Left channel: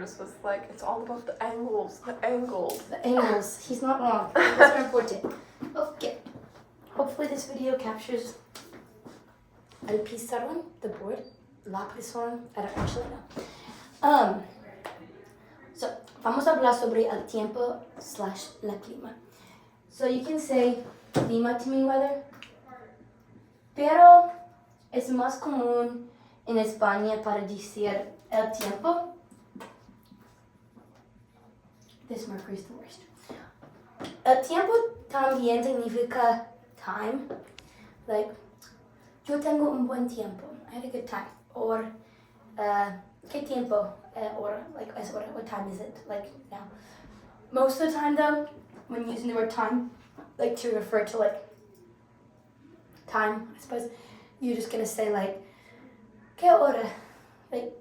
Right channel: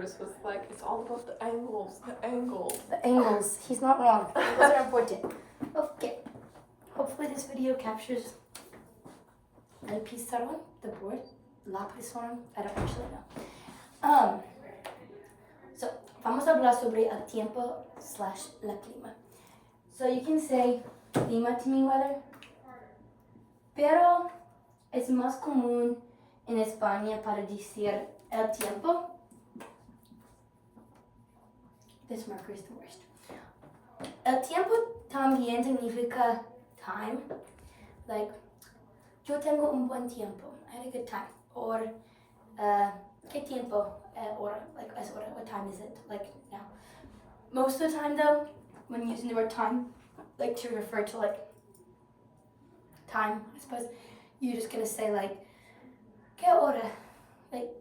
Curtis was like, it's all about the angles, the angles. The angles. He's not wrong. Angles are important. Okay. Hopefully this video captures el pizarrón, the board. La pizarrón, I don't actually know. So, vamos a hablar sobre el tiempo / la clima. So you can say clima to mean weather, pero es más común en España para decir el tiempo. This marker is the worst. El tiempo también significa time. Like, yo tengo un buen tiempo. I had a good time. Or, ¿qué tiempo? Hora. Like, es hora. What time is it? Like, now. Most of the time, though, when using the word time, like to refer to, like, time, I suppose, you're just gonna say, like, ¿qué hora? Like,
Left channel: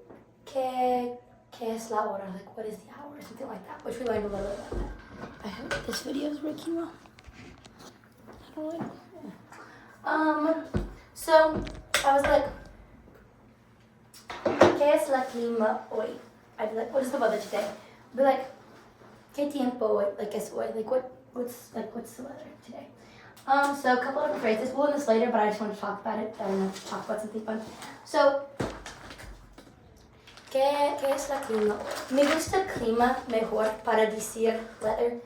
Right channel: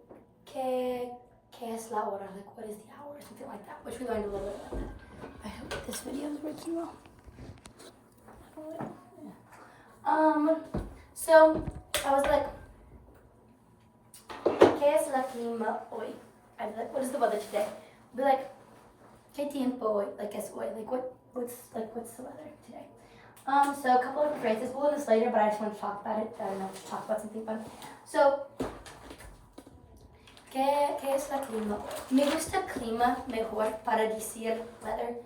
¿qué es la hora? Like, what is the hour? Something like that, which we learned a little bit about that. I hope this video is working well. I don't know. So I was like, ¿qué es la clima hoy? I'd be like, what is the weather today? I'd be like, ¿qué tiempo hoy? Like, es hoy? Like, what's the weather today? So a couple of phrases. We'll learn this later, but I just want to talk about it. I don't know, talk about something fun. So, ¿qué es la clima hoy? Me gusta el clima mejor para decir weather.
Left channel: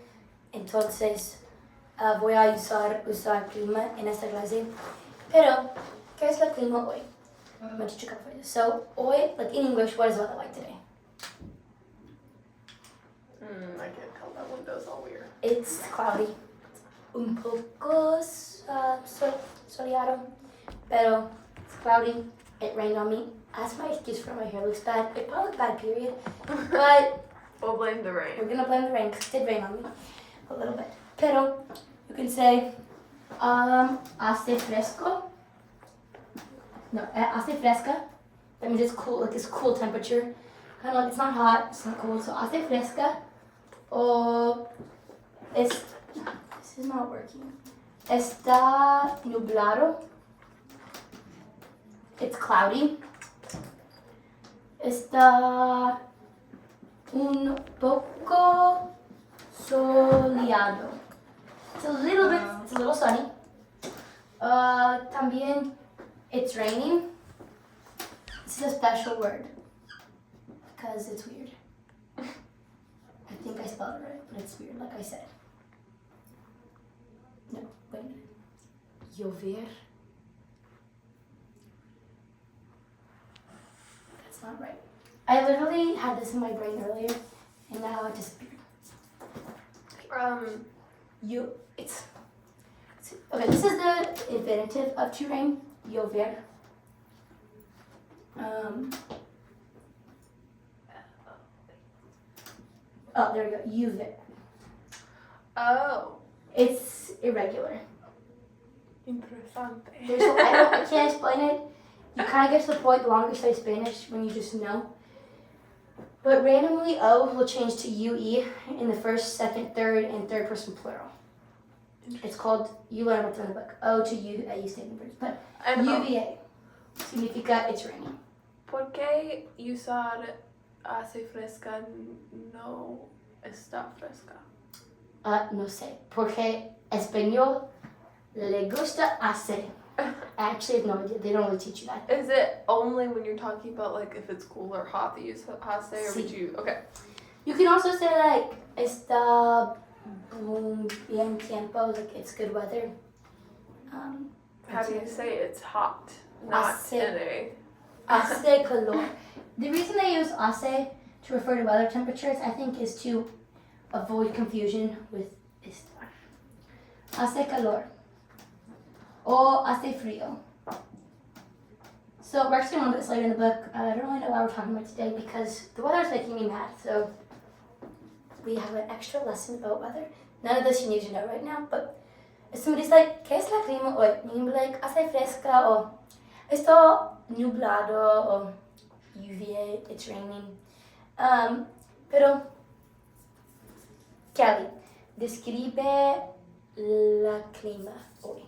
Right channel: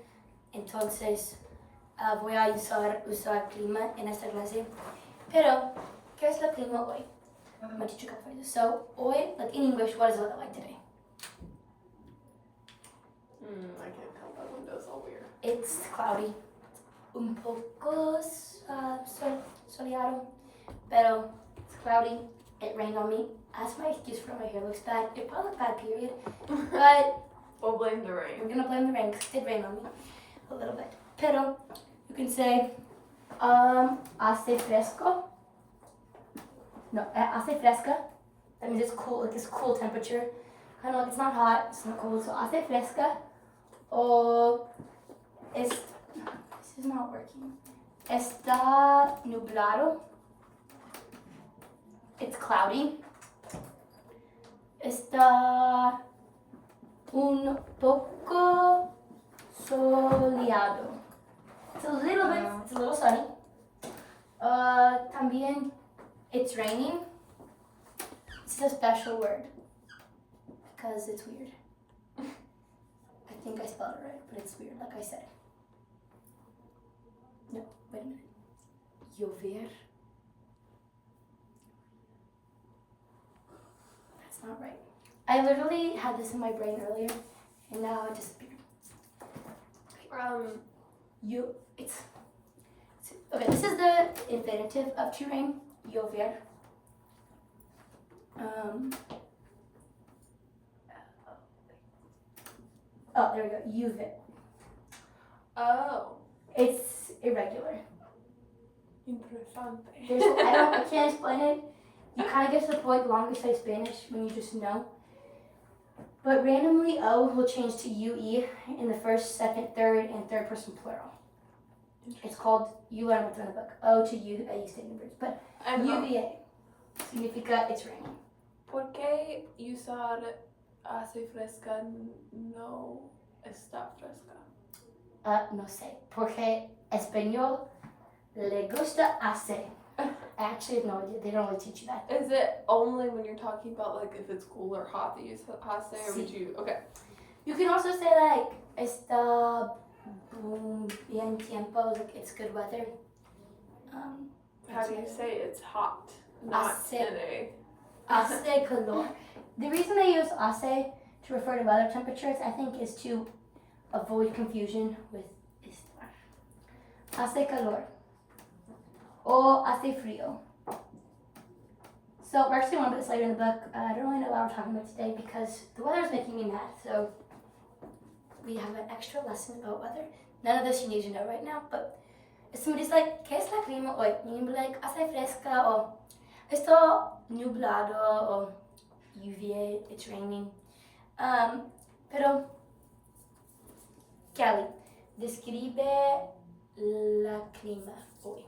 Entonces, voy a usar clima en esta clase. Pero, ¿qué es la clima hoy? I'm going to teach you a couple phrases. So, hoy, like in English, what is the weather like today? I can't tell. That window's all weird. It's cloudy. Un poco soleado, pero it's cloudy. It rained on me. That's my excuse for my hair looks bad. It probably looked bad, period. But We'll blame the rain. we're gonna blame the rain because it did rain on me a little bit. Pero you can say hace fresco. No, hace fresca. That means it's cool, like it's cool temperature. Kind of like it's not hot, it's not cold. So hace fresca. Or this is not working. Está nublado. It's cloudy. Está un poco soleado. It's a little sunny. También, it's raining. This is a special word because it's weird. I think I spelled it right, but it's weird, like I said. No, wait a minute. Llover. That's not right. I literally had this in my brain earlier, and now it disappeared. Okay, this is the infinitive of to rain. Llover. Oh, there we go. Llover. Oh. It's irregular. Interesante. I can't explain it. You kind of get to the point the longer you study Spanish when you just know. But randomly, O will change to UE in the first, second, third, and third person plural. It's called, you learn what's in the book, O to U, AU statement verbs. But UVA significa it's raining. ¿Por qué usar hace fresca no está fresca? No sé. Porque español le gusta hace. I actually have no idea. They don't really teach you that. Is it only when you're talking about like if it's cool or hot that you use hace, or would you? Okay. You can also say like está bien tiempo, like it's good weather. How do you say it's hot? Not today. Hace calor. The reason they use hace to refer to weather temperatures, I think, is to avoid confusion with estar. Hace calor. Or hace frío. So we're actually going to this later in the book. I don't really know why we're talking about today because the weather is making me mad. So we have an extra lesson about weather. None of this you need to know right now, but if somebody's like, ¿qué es la clima hoy? You can be like, hace fresca, or está nublado, or lluvia, it's raining. Pero, Kelly, describe la clima hoy.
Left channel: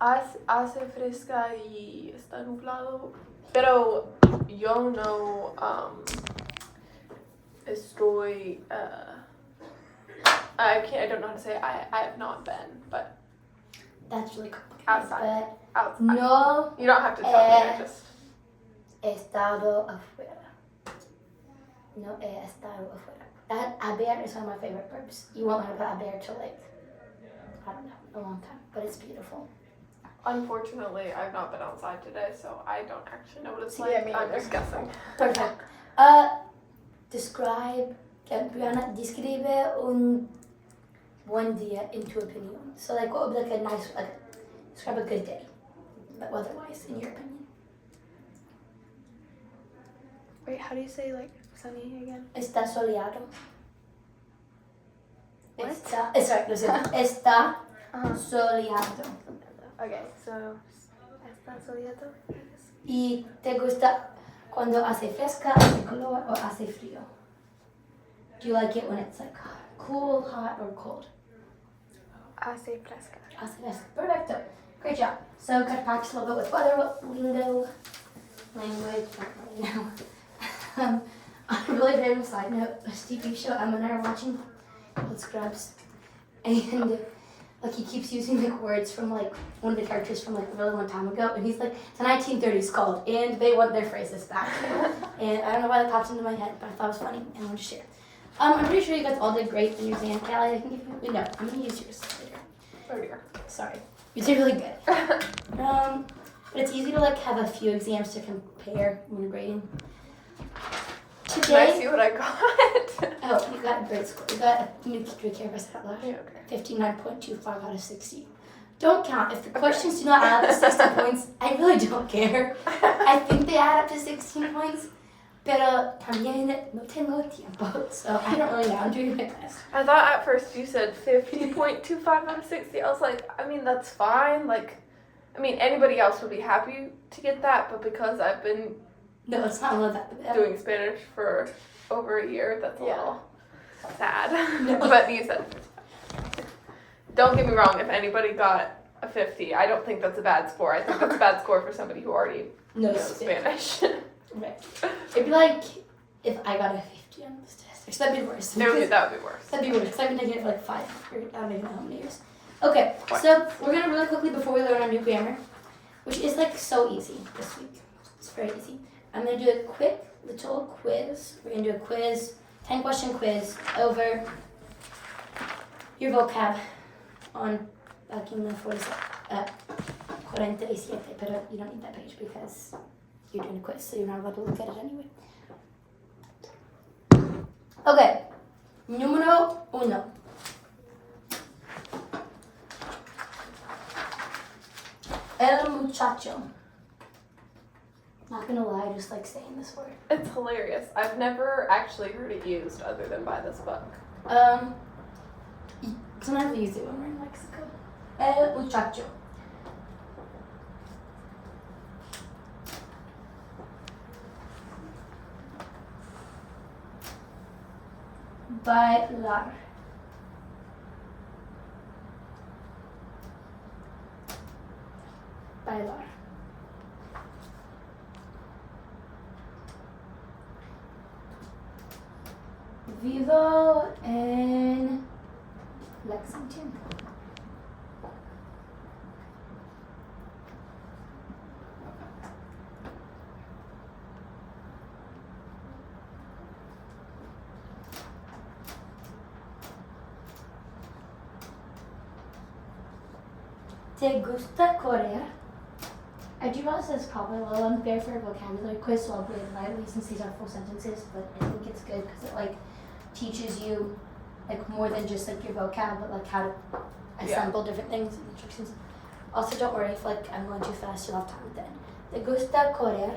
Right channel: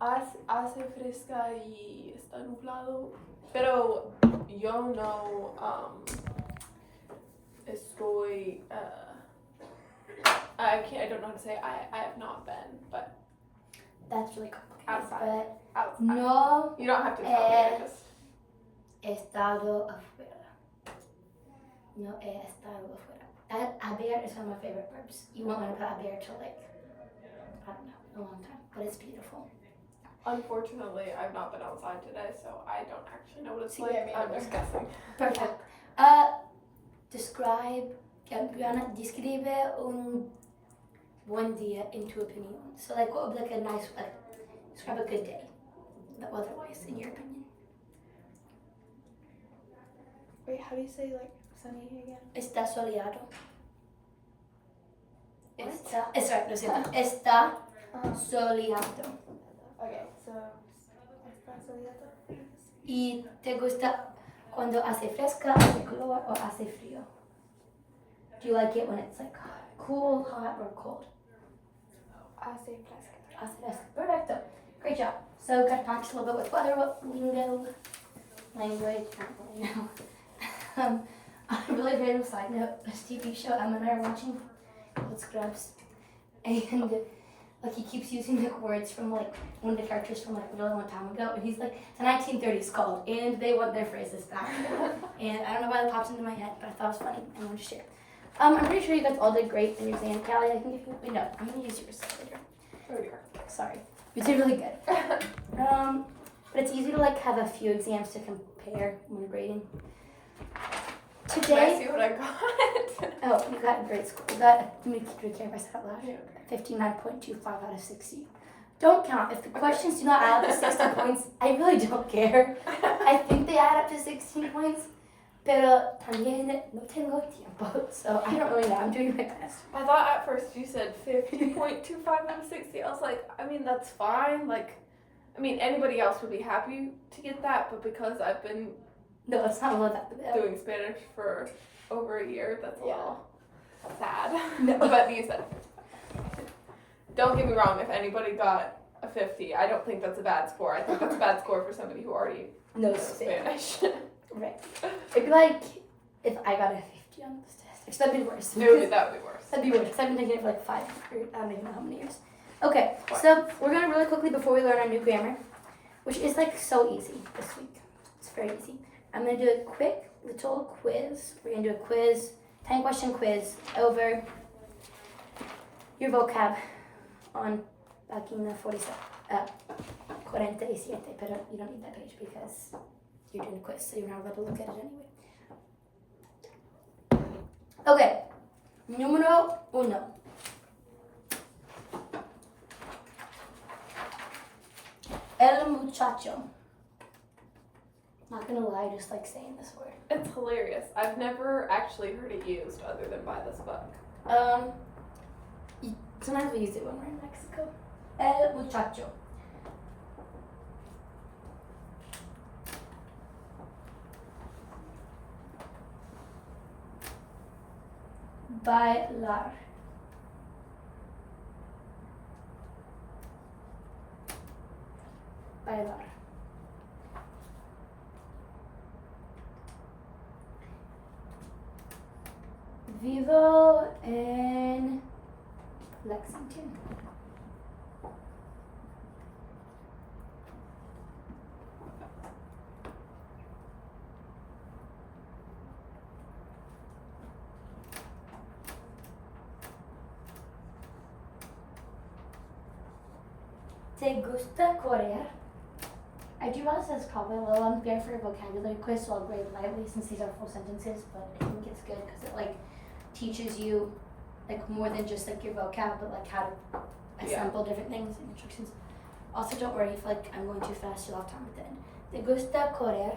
Hace fresca y está nublado, pero yo no estoy. I don't know how to say it. I have not been, but That's really complicated. outside. But no You don't have to tell me. I just. estado afuera. No he estado afuera. That haber is one of my favorite verbs. You won't learn about haber till like, I don't know, a long time. But it's beautiful. Unfortunately, I've not been outside today, so I don't actually know what it's See, like. yeah, me I'm neither. just guessing. Perfect. Brianna, describe un buen día in tu opinion. So like what would be like a nice, like describe a good day, but weather-wise, in your opinion. Wait, how do you say like sunny again? Está soleado. What? Sorry, lo siento. Está Uh-huh. soleado. Okay, so está soleado. ¿Y te gusta cuando hace fresca, hace calor, o hace frío? Do you like it when it's like cool, hot, or cold? Hace fresca. Hace fresca. Perfecto. Great job. So, got to practice a little bit with weather lingo, language, not really know. On a really random side note, this TV show Emma and I are watching called Scrubs, and like he keeps using like words from like one of the characters from like a really long time ago, and he's like, it's a 1930s called, and they want their phrases back. And I don't know why that popped into my head, but I thought it was funny and I wanted to share. I'm pretty sure you guys all did great in your exam, Callie. I can give you, wait, no, I'm gonna use yours later. Oh dear. Sorry, you did really good. But it's easy to like have a few exams to compare when grading. Can I Today, see what I got? oh, you got a great score. You got, do we care if I said that loud? Okay. 59.25 out of 60. Don't count. If the questions do not add up to 60 points, I really don't care. I think they add up to 16 points, pero también no tengo tiempo, so I don't really know. I'm doing my best. I thought at first you said 50.25 out of 60. I was like, I mean, that's fine. Like, I mean, anybody else would be happy to get that, but because I've been No, it's not really that bad. doing Spanish for over a year, that's a little sad. No. But you said, don't get me wrong, if anybody got a 50, I don't think that's a bad score. I think that's a bad score for somebody who already No knows Spanish. Spanish. Right. It'd be like if I got a 50 on the statistics. That'd be worse. That would be worse. That'd be worse because I've been taking it for like 5 years. I don't even know how many years. Okay, so we're gonna really quickly before we learn our new grammar, which is like so easy this week. It's very easy. I'm gonna do a quick little quiz. We're gonna do a quiz, 10-question quiz over your vocab on página 47, 47, but you don't need that page because you're doing a quiz, so you're not allowed to look at it anyway. Okay, número 1. El muchacho. Not gonna lie, I just like saying this word. It's hilarious. I've never actually heard it used other than by this book. Sometimes we use it when we're in Mexico. El muchacho. Bailar. Bailar. Vivo en Lexington. ¿Te gusta correr? I do realize it's probably a little unfair for a vocabulary quiz, so I'll read it lightly since these are full sentences, but I think it's good because it like teaches you like more than just like your vocab, but like how to assemble different things and instructions. Also, don't worry if like I'm going too fast, you'll have time at the end. ¿Te gusta correr?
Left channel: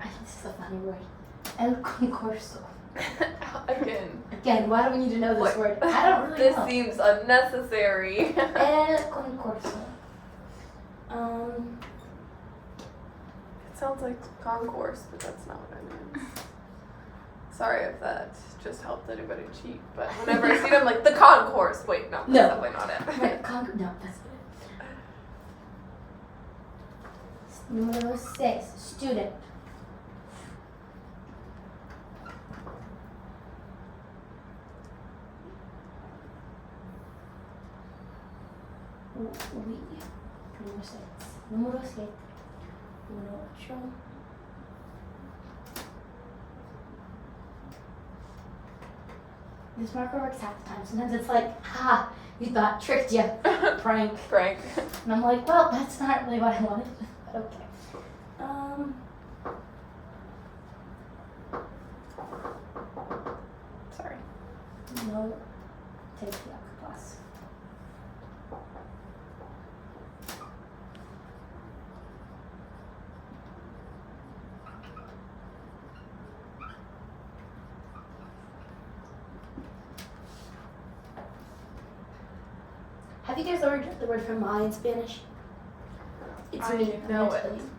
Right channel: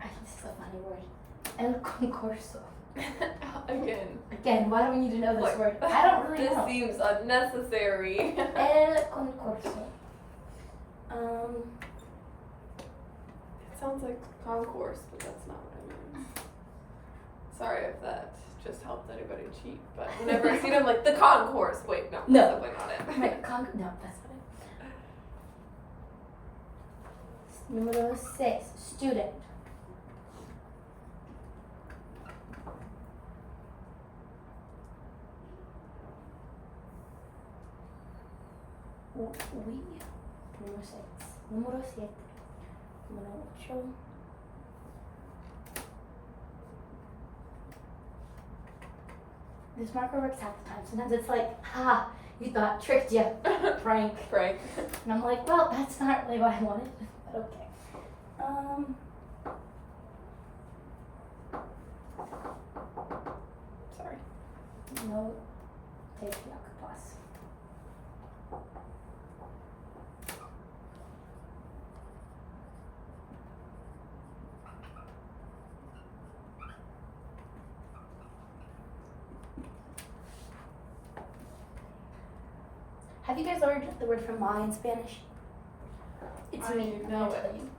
I think this is a funny word. El concurso. Again, why do we need to know this word? I don't really This know. seems unnecessary. El concurso. It sounds like concourse, but that's not what I meant. Sorry if that just helped anybody cheat, but whenever I see them, like the concourse. Wait, no, No. that's definitely not it. Right, no, that's not it. Número 6, student. We. Número 6. Número 7. Número 8. This marker works half the time. Sometimes it's like, ha, you thought, tricked you, prank. Frank. And I'm like, well, that's not really what I wanted, but okay. Sorry. No, take the plus. Have you guys learned the word for my in Spanish? It's I me. I'm know gonna it. tell you.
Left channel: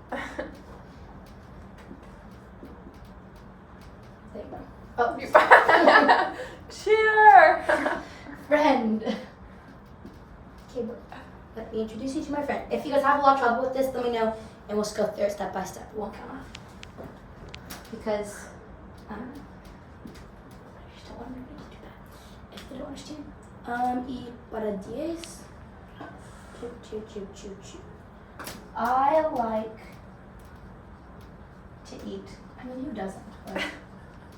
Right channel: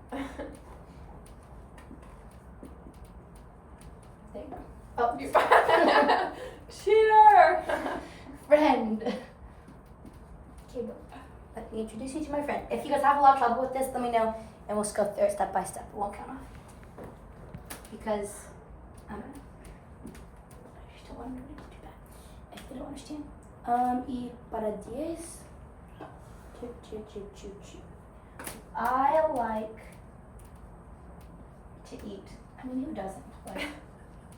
There you go. Oh, You- Cheer! friend. Okay, well, let me introduce you to my friend. If you guys have a lot of trouble with this, let me know, and we'll just go through it step by step. It won't count off. Because, I just don't want everybody to do that if they don't understand. Y para 10. I like to eat. I mean, who doesn't? Like,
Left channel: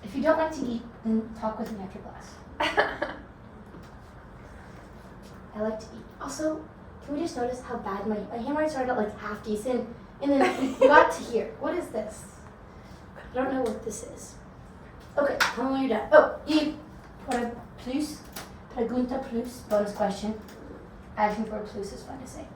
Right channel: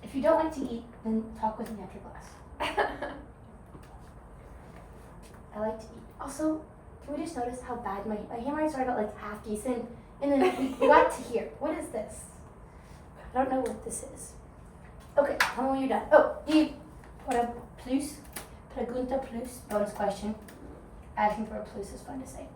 if you don't like to eat, then talk with me after class. I like to eat. Also, can we just notice how bad my handwriting started out like half decent, and then we got to here. What is this? I don't know what this is. Okay, tell me when you're done. Oh, y para plus, pregunta plus, bonus question. Action for plus is fun to say.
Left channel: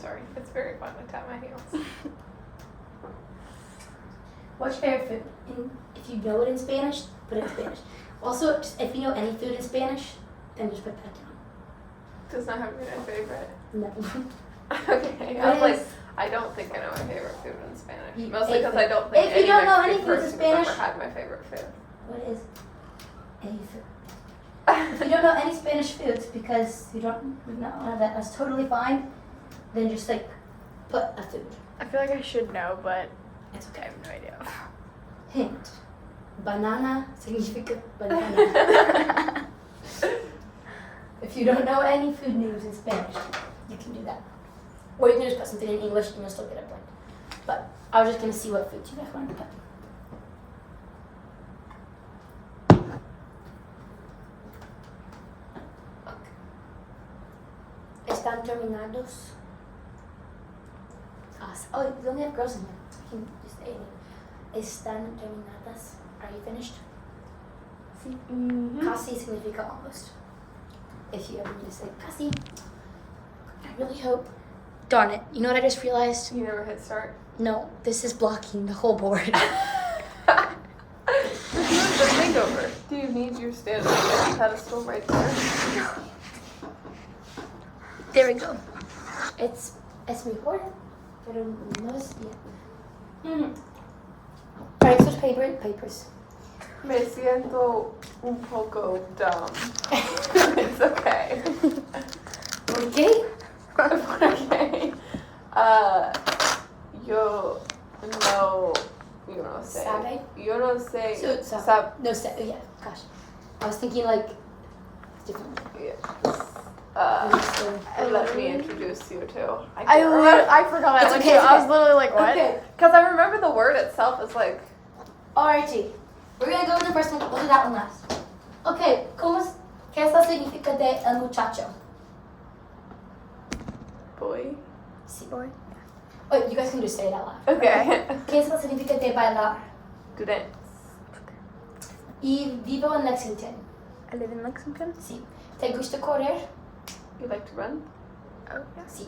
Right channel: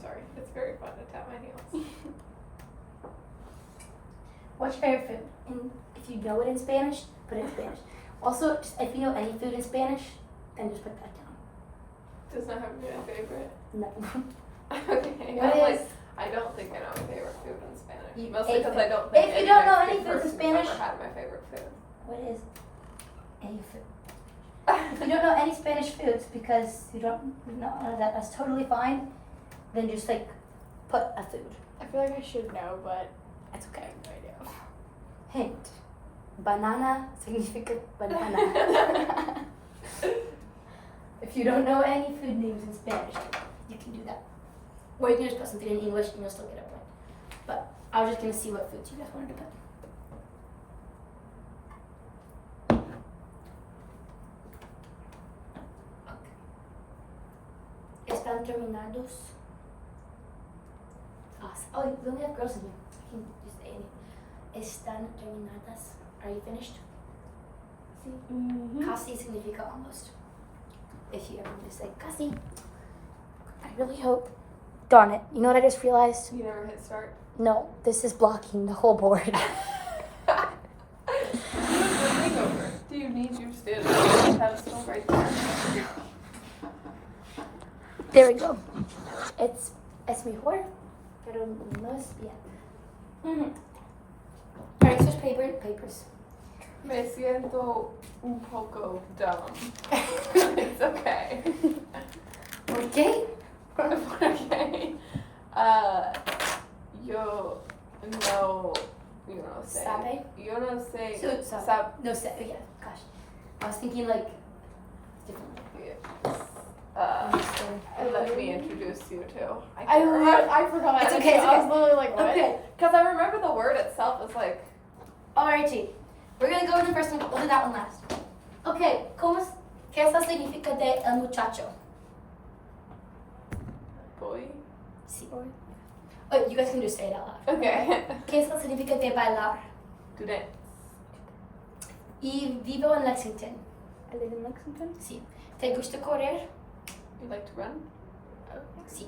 Sorry, it's very fun to tap my heels. What's your favorite food? And if you know it in Spanish, put it in Spanish. Also, just if you know any food in Spanish, then just put that down. Does not have to be my favorite. No. Okay. What I was like, is- I don't think I know my favorite food in Spanish. You- Mostly a because food. I don't think If you any don't know any Mexican foods in person has Spanish- ever had my favorite food. What is any food? If you don't know any Spanish foods because you don't know that's totally fine, then just like put a food. I feel like I should know, but It's I okay. have no idea. Hint. Banana significa banana. If you don't know any food names in Spanish, you can do that. Or you can just put something in English and you'll still get a point. But I was just gonna see what foods you guys wanted to put. Están terminados. Oh, we only have girls in here. You can just say it. Están terminadas. Are you finished? Casi significa almost. If you ever need to say casi. I really hope. Darn it. You know what I just realized? You never hit start. No, this is blocking the whole board. Hangover. Do you need your stand on the pedestal right there? There we go. Es mejor, pero no es bien. Alright, switch papers. Me siento un poco dumb. It's okay. Okay. Okay. Yo no sé. Sabe? Yo no sé. So, no, yeah, gosh. I was thinking like different. Yes. So, Let me introduce you to. I forgot. It's okay, it's I was okay. literally like, what? Okay. Because I remember the word itself is like. Alrighty. We're gonna go with the first one. We'll do that one last. Okay, ¿qué es la significa de el muchacho? Boy. Sí. Oh, you guys can just say it out loud. Okay. ¿Qué es la significa de bailar? Do that. Y vivo en Lexington. I live in Lexington. Sí. ¿Te gusta correr? You like to run? Oh, Sí.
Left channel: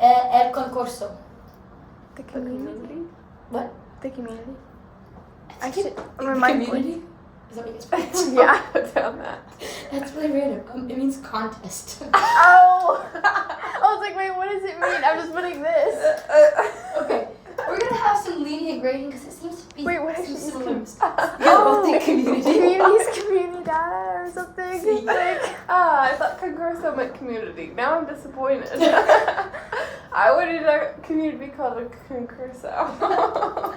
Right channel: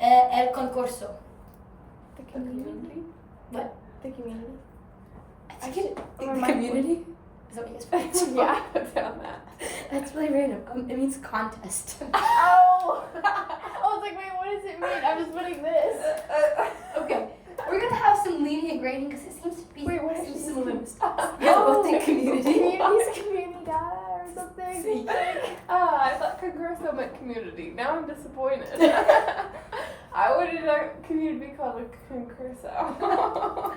El concurso. the The community. community? What? The community. I can The remind community? Is that what you guys put? Yeah. Put down that. That's really random. It means contest. Oh! I was like, wait, what does it mean? I'm just putting this. Okay, we're gonna have some lenient grading because it seems to be Wait, what is some this? similar stuff. You guys both think community. Community's community data or something. See. Like, I thought concurso meant community. Now I'm disappointed. I wanted a community called a concurso.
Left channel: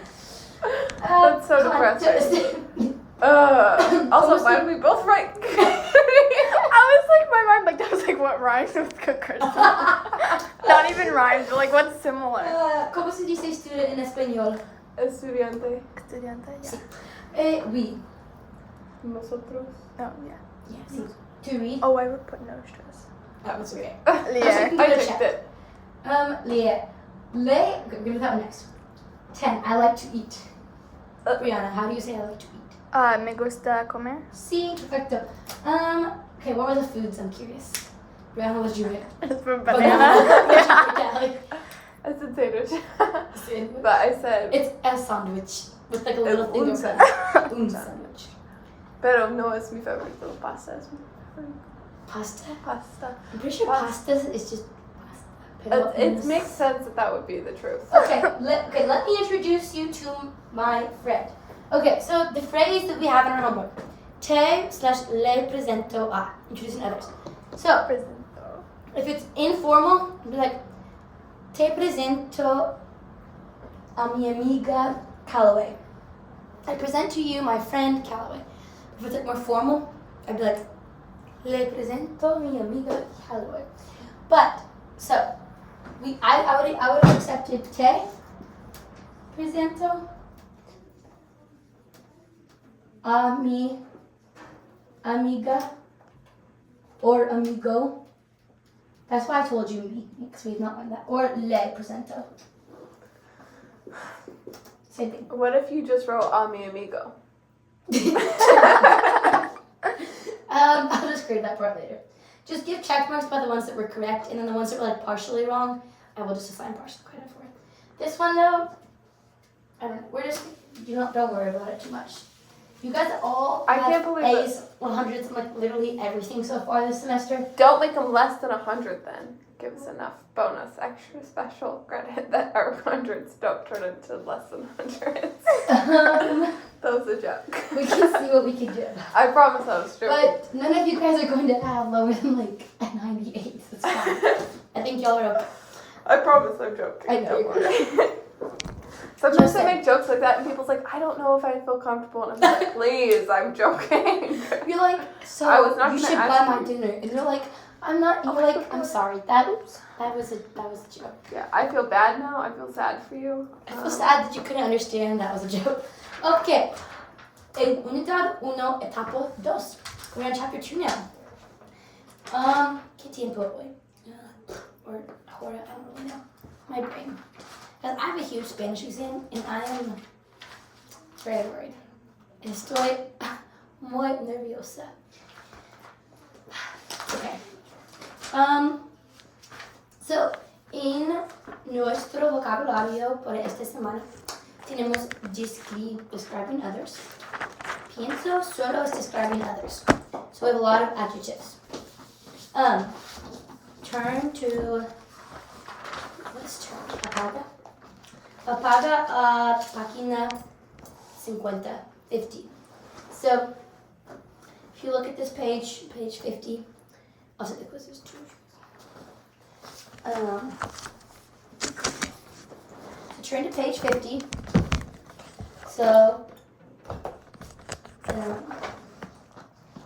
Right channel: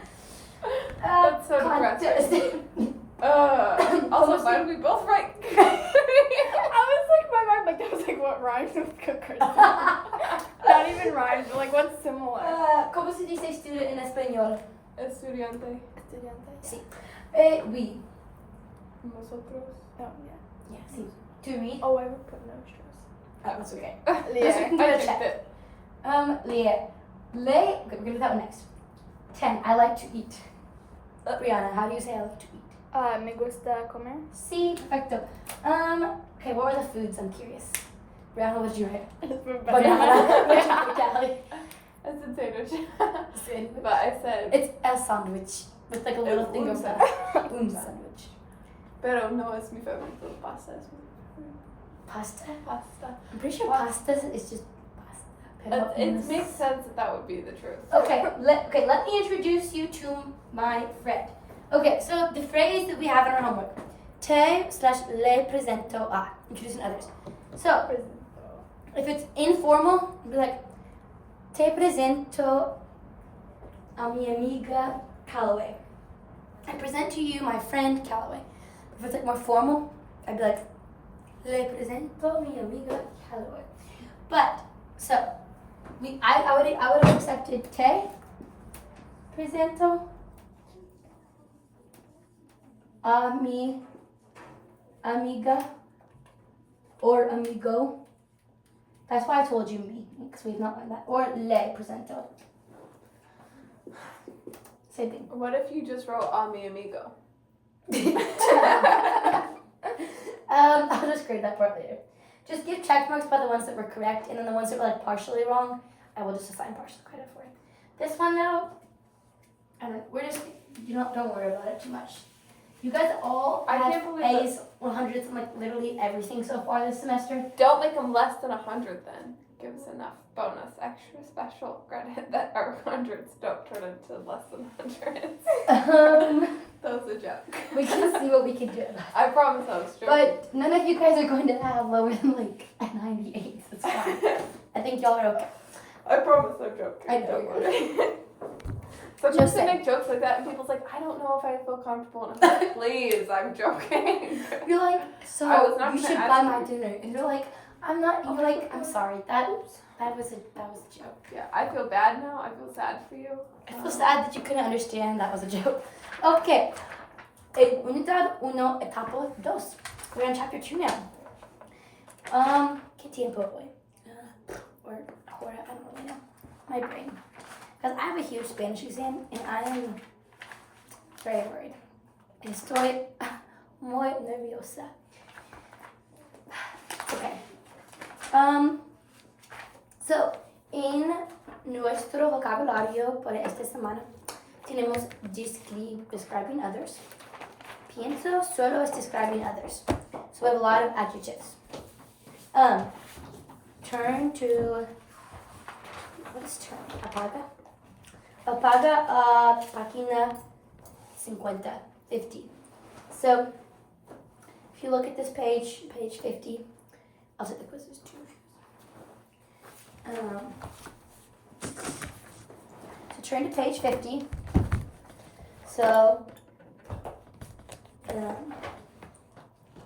That's so depressing. Also, why did we both write? I was like, my mind, like, that was like, what rhymes with cookers? Not even rhymes, but like, what's similar? ¿Cómo se dice student en español? Estudiante. Estudiante. Oui. Nosotros. Oh, yeah. Yeah, sí. To read? Oh, I would put no stress. That was okay. Yeah. can I go picked check. it. Leah. Okay, we'll do that one next. 10. I like to eat. Brianna, how do you say I like to eat? Me gusta comer. Sí, perfecto. Okay, what were the foods? I'm curious. Brianna, what did you write? It's for Banana. banana. What did you put, Callie? I said sandwich. Sandwich. But I said, It's a sandwich with like a little thing un over that. Un sandwich. pero no es mi favorito. Pasta es mi favorito. Pasta? Pasta. I'm pretty sure pasta is just pasta. Pero It no makes sé. sense that that would be the truth. Okay, let me introduce you to my friend. Okay, so the phrase that we have in our homework. Te/le presento a. Introducing others. So, if it's informal, it'd be like, te presento a mi amiga Callaway. I present to you my friend Callaway. If it's like more formal, I'd be like, le presento mi amiga Callaway. But, so, I would have accepted te presento a mi amiga or amigo. That's why I told you me, because we've not learned that. Or le presento. Same thing. What if you just wrote a mi amigo? I'll just grade that part later. Just give check marks by the ones that were correct, and then the ones that were like partially wrong, I will just assign partial credit for it. This one though, I don't know, don't worry about it too much. You guys all I have can't believe A's, 100s, and like literally everything so far this semester. Don't make them less than 100 then. Give us enough bonus, extra special credit that our hundreds don't turn into less than hundreds. That was a joke. We can see what we can do. I promise I was joking. But none of you guys are going to have lower than like a 98. That's fine. I think y'all are okay. I promise I'm joking. I know Don't you're worry. Sometimes Just they saying. make jokes like that and people's like, I don't know if I feel comfortable. And I'm like, please, I'm joking. You're like, so I was not you gonna should ask buy you. my dinner, and you're like, I'm not. You're like, I'm sorry. That was a joke. Yeah, I feel bad now. I feel sad for you. I feel sad that you couldn't understand that was a joke. Okay. Unidad 1, etapa 2. We're on chapter 2 now. ¿Qué tiempo hoy? Or hora, I don't really know. My brain. Because I have a huge Spanish exam and I am very worried. Estoy muy nerviosa. Okay. So, en nuestro vocabulario para esta semana tenemos describing others. Pienso solo es describing others. So we have a lot of adjectives. Turn to, what's turn? Apaga. Apaga a página 50. So, if you look at this page 50, I'll set the quizzes too. So turn to page 50. So,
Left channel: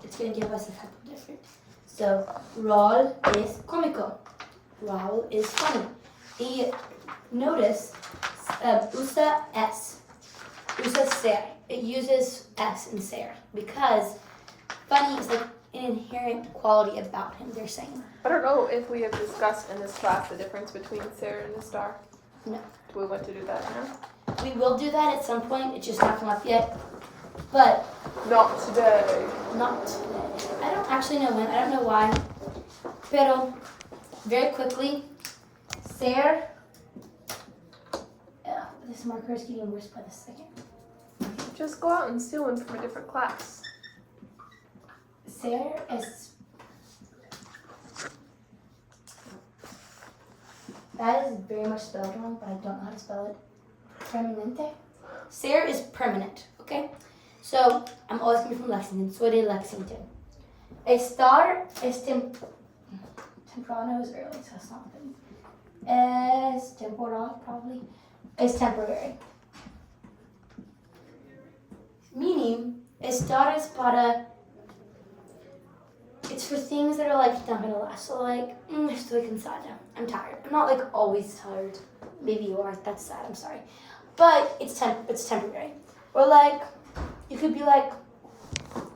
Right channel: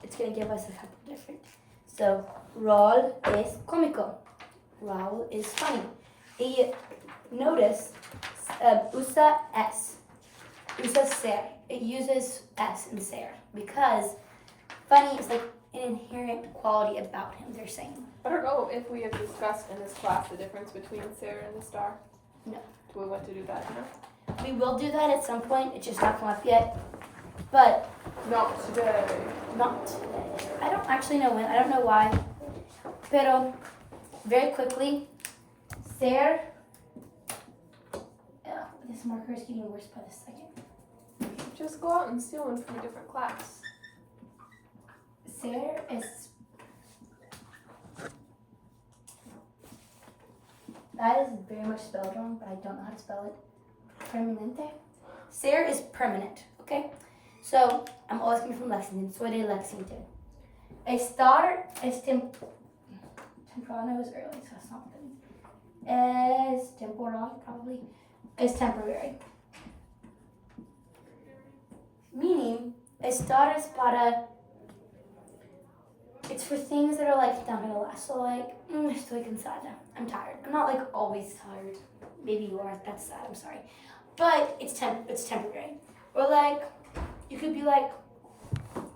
it's going to give us a couple different. So, Raul es cómico. Raul is funny. Y notice, usa es. Usa ser. It uses s and ser because funny is like an inherent quality about him, they're saying. I don't know if we have discussed in this class the difference between Sarah and a star. No. Do we want to do that now? We will do that at some point. It's just not come up yet. But Not today. not today. I don't actually know when. I don't know why. Pero, very quickly, ser. This marker is getting worse by the second. Just go out and steal one from a different class. Ser es. That is very much spelled wrong, but I don't know how to spell it. Permanente. Ser is permanent, okay? So, I'm always coming from Lexington. Soy de Lexington. Estar es temprano is early, so that's not good. Es temporal, probably. Es temporary. Meaning, estar es para. It's for things that are like not gonna last. So like, estoy cansada. I'm tired. I'm not like always tired. Maybe you are. That's sad. I'm sorry. But it's temporary. Or like, you could be like,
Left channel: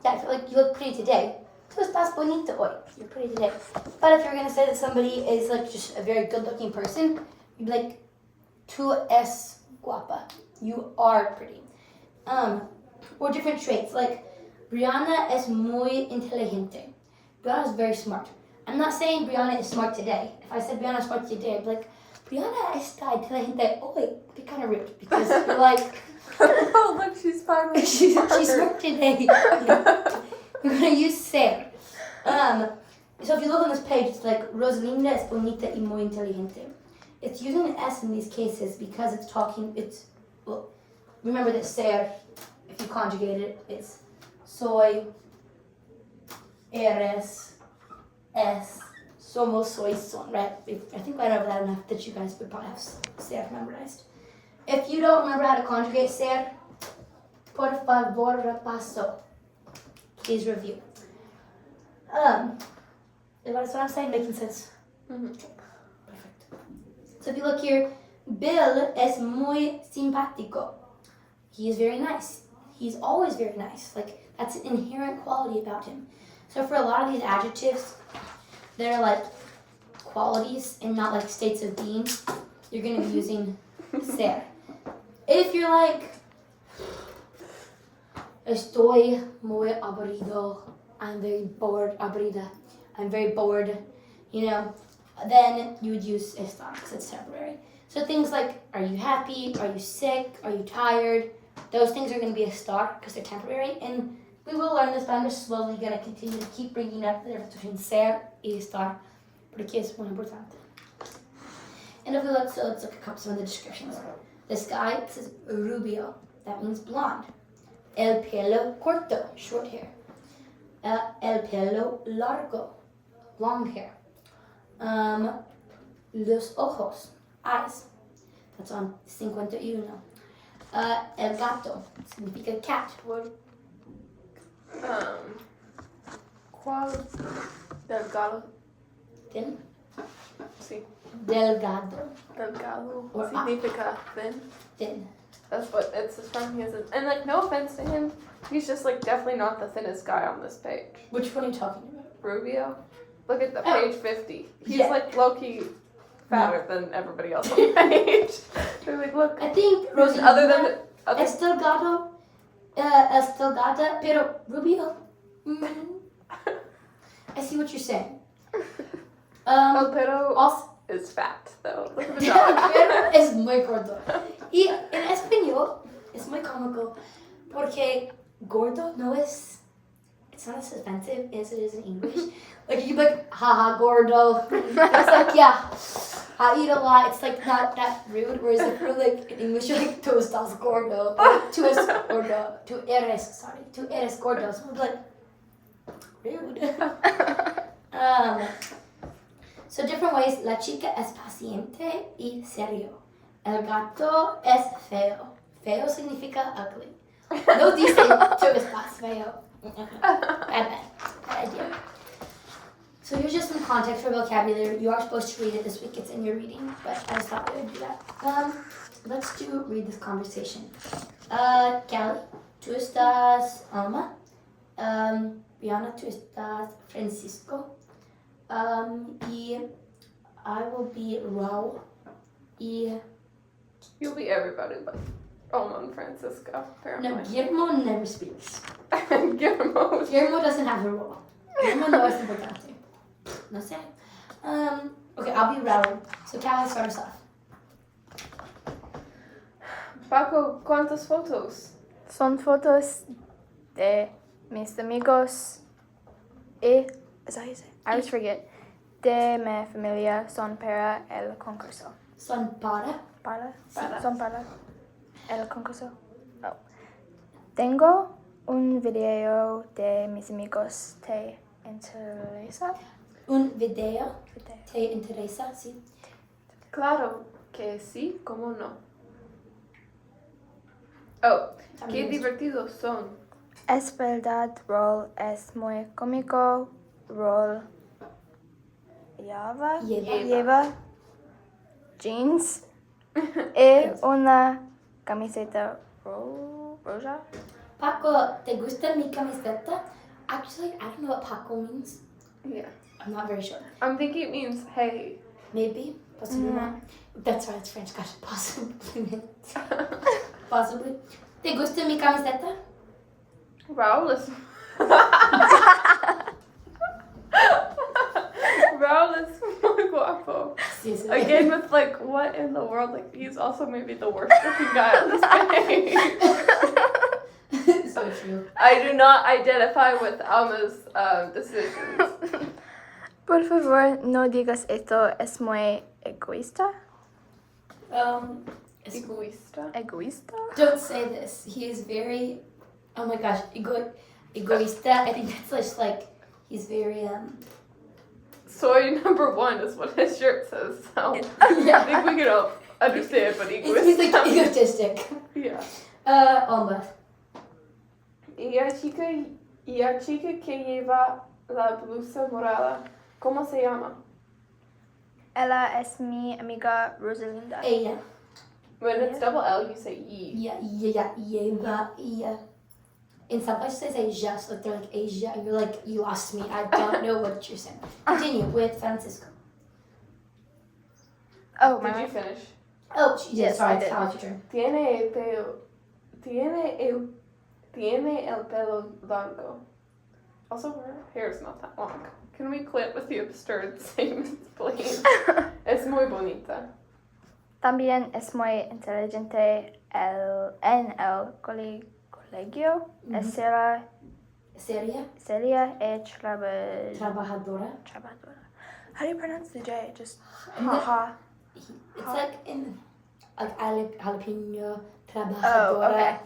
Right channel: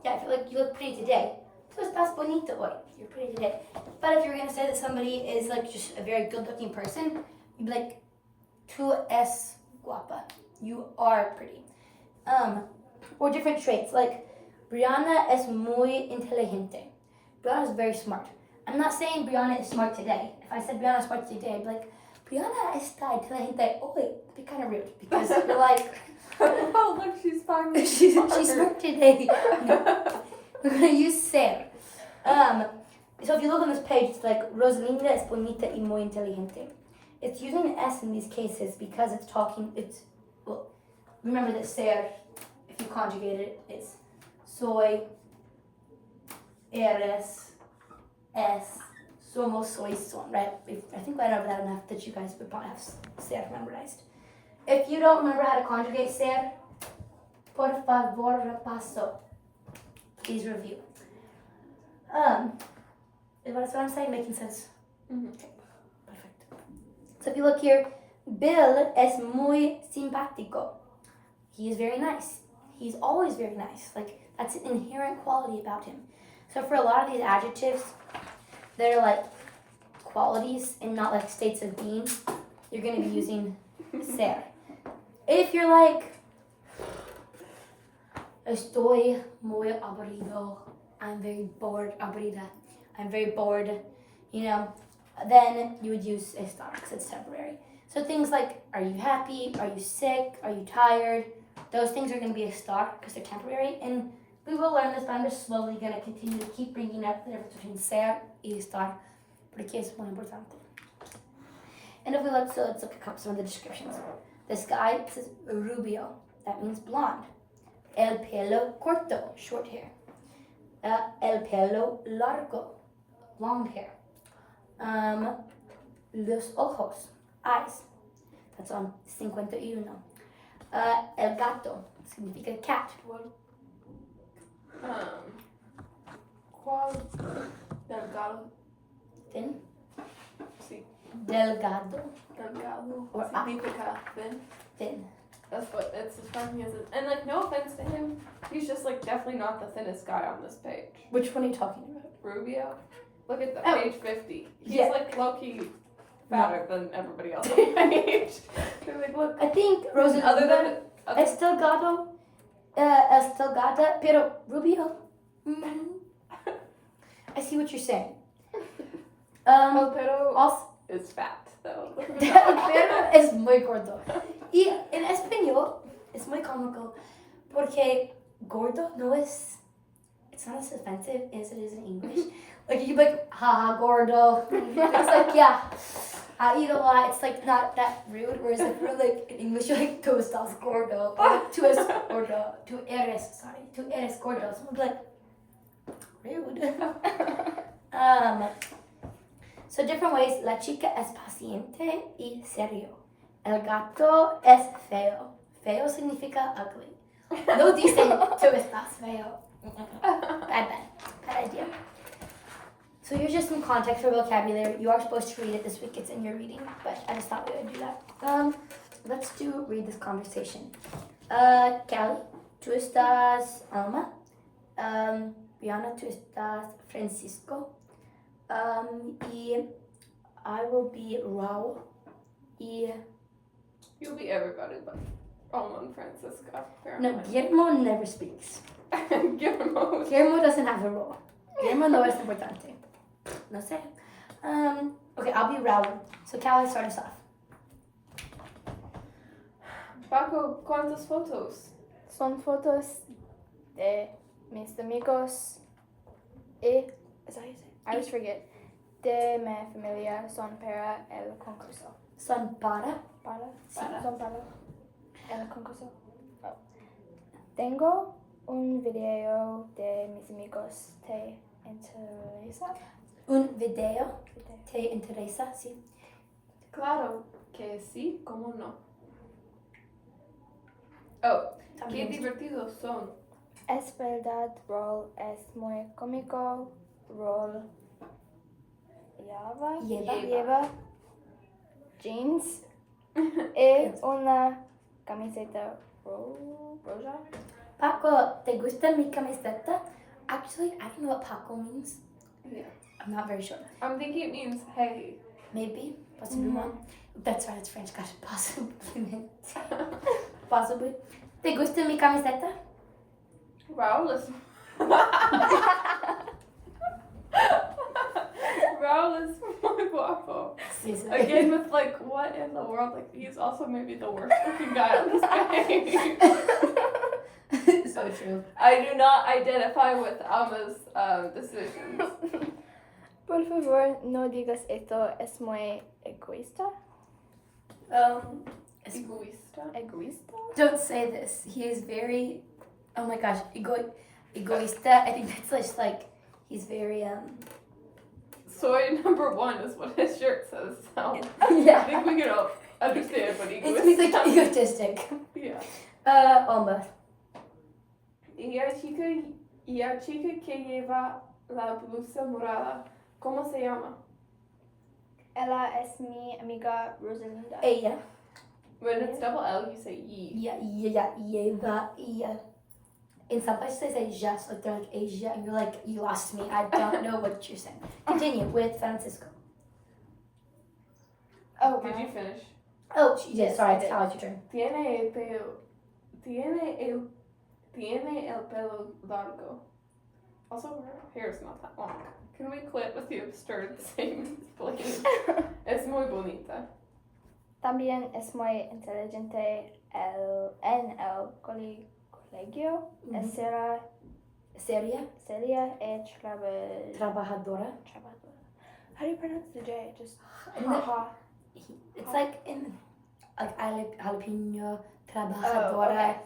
yeah, I feel like you look pretty today. Tú estás bonita hoy. You're pretty today. But if you're gonna say that somebody is like just a very good-looking person, you'd be like, tú es guapa. You are pretty. Or different traits like, Brianna es muy inteligente. Brianna is very smart. I'm not saying Brianna is smart today. If I said Brianna is smart today, I'd be like, Brianna está inteligente hoy. It'd be kind of rude because you're like, oh, look, she's finally she's smart today. No. We're going to use ser. So if you look on this page, it's like, Rosalinda es bonita y muy inteligente. It's using an S in these cases because well, remember that ser, if you conjugate it, it's soy, eres, es, somos, soy, son, right? I think I know that enough that you guys would probably have ser memorized. If you don't remember how to conjugate ser, por favor, repaso. Please review. Is what I'm saying making sense? Mm-hmm. Okay, perfect. So if you look here, Bill es muy simpático. He is very nice. He's always very nice. Like, that's an inherent quality about him. So for a lot of these adjectives, they're like qualities and not like states of being. You're going to be using ser. If you're like, estoy muy aburrido, I'm very bored, aburrida, I'm very bored, you know, then you would use estar because it's temporary. So things like, are you happy, are you sick, are you tired, those things are going to be estar because they're temporary. And we will learn this, but I'm just slowly going to continue to keep bringing up the difference between ser y estar porque es muy importante. And if we look, so let's look at some of the descriptions. This guy says rubio, that means blonde. El pelo corto, short hair. El pelo largo, long hair. Los ojos, eyes. That's on 51. El gato, significa cat. ¿Cuál? Delgado. Thin. Sí. Delgado. Delgado. Or Significa thin. Thin. That's what it's from. And like, no offense to him, he's just like definitely not the thinnest guy on this page. Which one are you talking about? Rubio. Look at the Oh. page 50. He's Yeah. like low-key fatter than everybody else on the page. So like, look. I think Rosie. Other than Es delgado. Es delgada, pero rubio. I see what you're saying. El pero Also, is fat though. el pero es muy gordo. Y en español es muy cómico porque gordo no es. It's not as offensive as it is in English. Like you can be like, haha, gordo. It's like, yeah, I eat a lot. It's like not that rude. Whereas if you're like in English, you're like, tú estás gordo. Or tú es gordo. Tú eres gordo. So I'm like, rude. So different ways. La chica es paciente y serio. El gato es feo. Feo significa ugly. No dicen tú estás feo. Bad idea. So here's just some context for vocabulary. You are supposed to read it this week. It's in your reading, but I just thought we would do that. Let's read this conversation. Kelly, tú estás Alma. Brianna, tú estás Francisco. Y I will be Raul. Y You'll be everybody but Alma and Francisco, no, apparently. Guillermo never speaks. Guillermo. Guillermo doesn't have a role. Guillermo no es importante. No sé. Okay, I'll be Raul. So Callie, start us off. Paco, ¿cuántas fotos? Son fotos de mis amigos y, is that how you say it? I always forget. De mi familia son para el concurso. Son para. ¿Para? Sí. Son para el concurso. Oh. Tengo un video de mis amigos. ¿Te interesa? Un video. Video. ¿Te interesa? Sí. Claro que sí, ¿cómo no? Oh, qué También. divertidos son. Es verdad, Roll es muy cómico. Roll lleva jeans y una camiseta roja. Paco, ¿te gusta mi camiseta? Actually, I don't know what Paco means. Yeah. I'm not very sure. I'm thinking it means hey. Maybe. Possibly not. That's right, it's French. Gosh, possibly. Possibly. ¿Te gusta mi camiseta? Raul is. Raul is muy guapo. Sí, sí. Again, with like, what in the world? Like, he's also maybe the worst looking guy on this page. So true. I do not identify with Alma's decisions. Por favor, no digas esto. Es muy egoísta. Egoísta. Egoísta? Don't say this. He is very, oh my gosh, egoísta. I think that's just like, he's very, Soy number one is what his shirt says. So I yeah. think we can all understand, but He's like egoísta. egotistic. Yeah. Almost. Y la chica que lleva la blusa morada, ¿cómo se llama? Ella es mi amiga Rosalinda. Ella. When it's double L, you say E. Yeah. In some places they say just, like they're like Asia, and you're like, you lost me. I don't know what you're saying. Continue with Francisco. Oh, Did my you finish? Oh, yeah, Yes, sorry, I did. how was your turn? Tiene el pelo largo. Also, her hair is not that long. Can we quit with the absurd statements, please? Es muy bonita. También es muy inteligente en el colegio. Es seria y Trabajadora. trabajadora. How do you pronounce the J? Just No. haha. It's like in like jalapeno, Oh, trabajadora.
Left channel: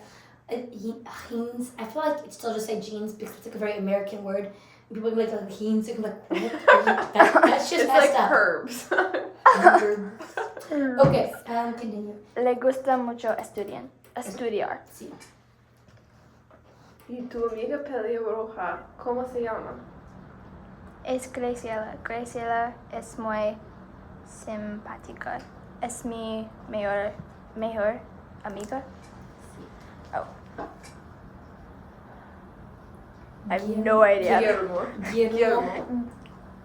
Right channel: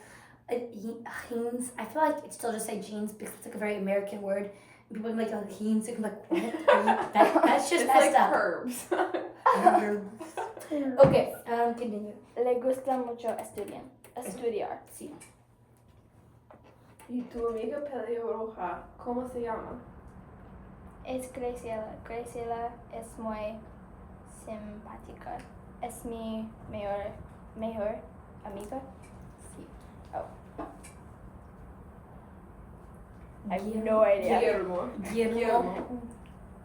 Jeans. I feel like it's still just say jeans because it's like a very American word. And people can be like jeans. You can be like, what? That's just It's messed like up. herbs. Okay, continue. Le gusta mucho estudiar. Sí. Y tu amiga pelirroja, ¿cómo se llama? Es Graciela. Graciela es muy simpática. Es mi mejor amiga. Sí. Oh. I have no idea. Guillermo.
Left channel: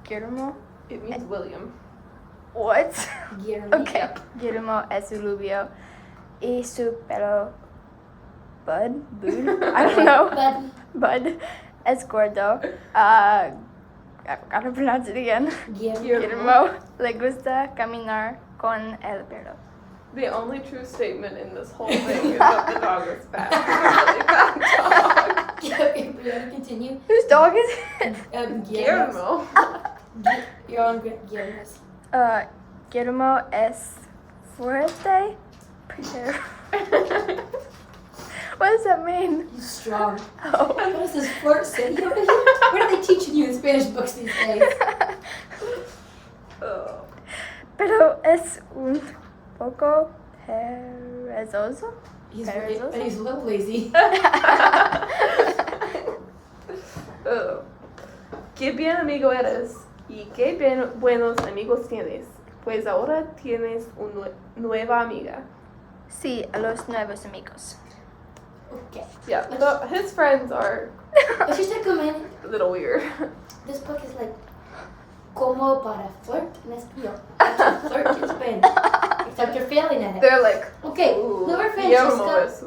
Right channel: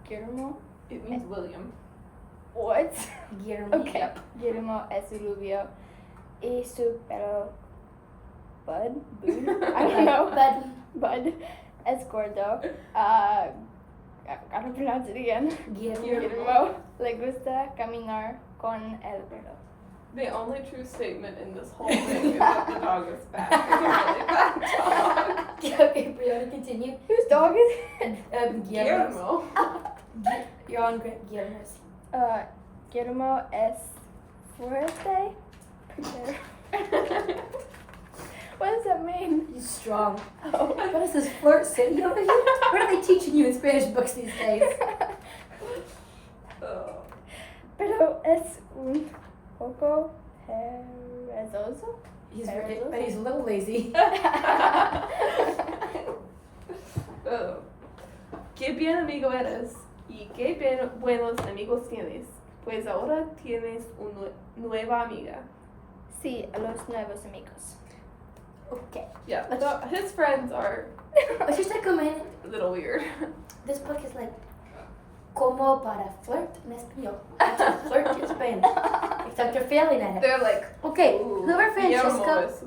Guillermo? It means William. What? Guillermo. Okay. Guillermo es rubio. Y su pelo Bud? I don't know. Bud es gordo. I gotta pronounce it again. Guillermo. Guillermo le gusta caminar con el perro. The only true statement in this whole thing is that the dog is fat. It's a really fat dog. Okay, Brianna, continue. Whose dog is it? Guillermo. Guillermo. You're on Guillermo's. Guillermo es fuerte. What does that mean? He's strong. Oh. What is this flirt city over here? What are they teaching you in Spanish books these days? Oh. Pero es un poco perezoso. And he's a little lazy. Oh. Qué bien amigo eres y qué buenos amigos tienes. Pues ahora tienes una nueva amiga. Sí, a los nuevos amigos. Okay. Yeah, so his friends are Let's just take a minute. a little weird. This book is like como para flirt en español. To flirt in Spanish. Except you're failing at it. They're like, Okay, ooh, whoever Guillermo Francisco, is-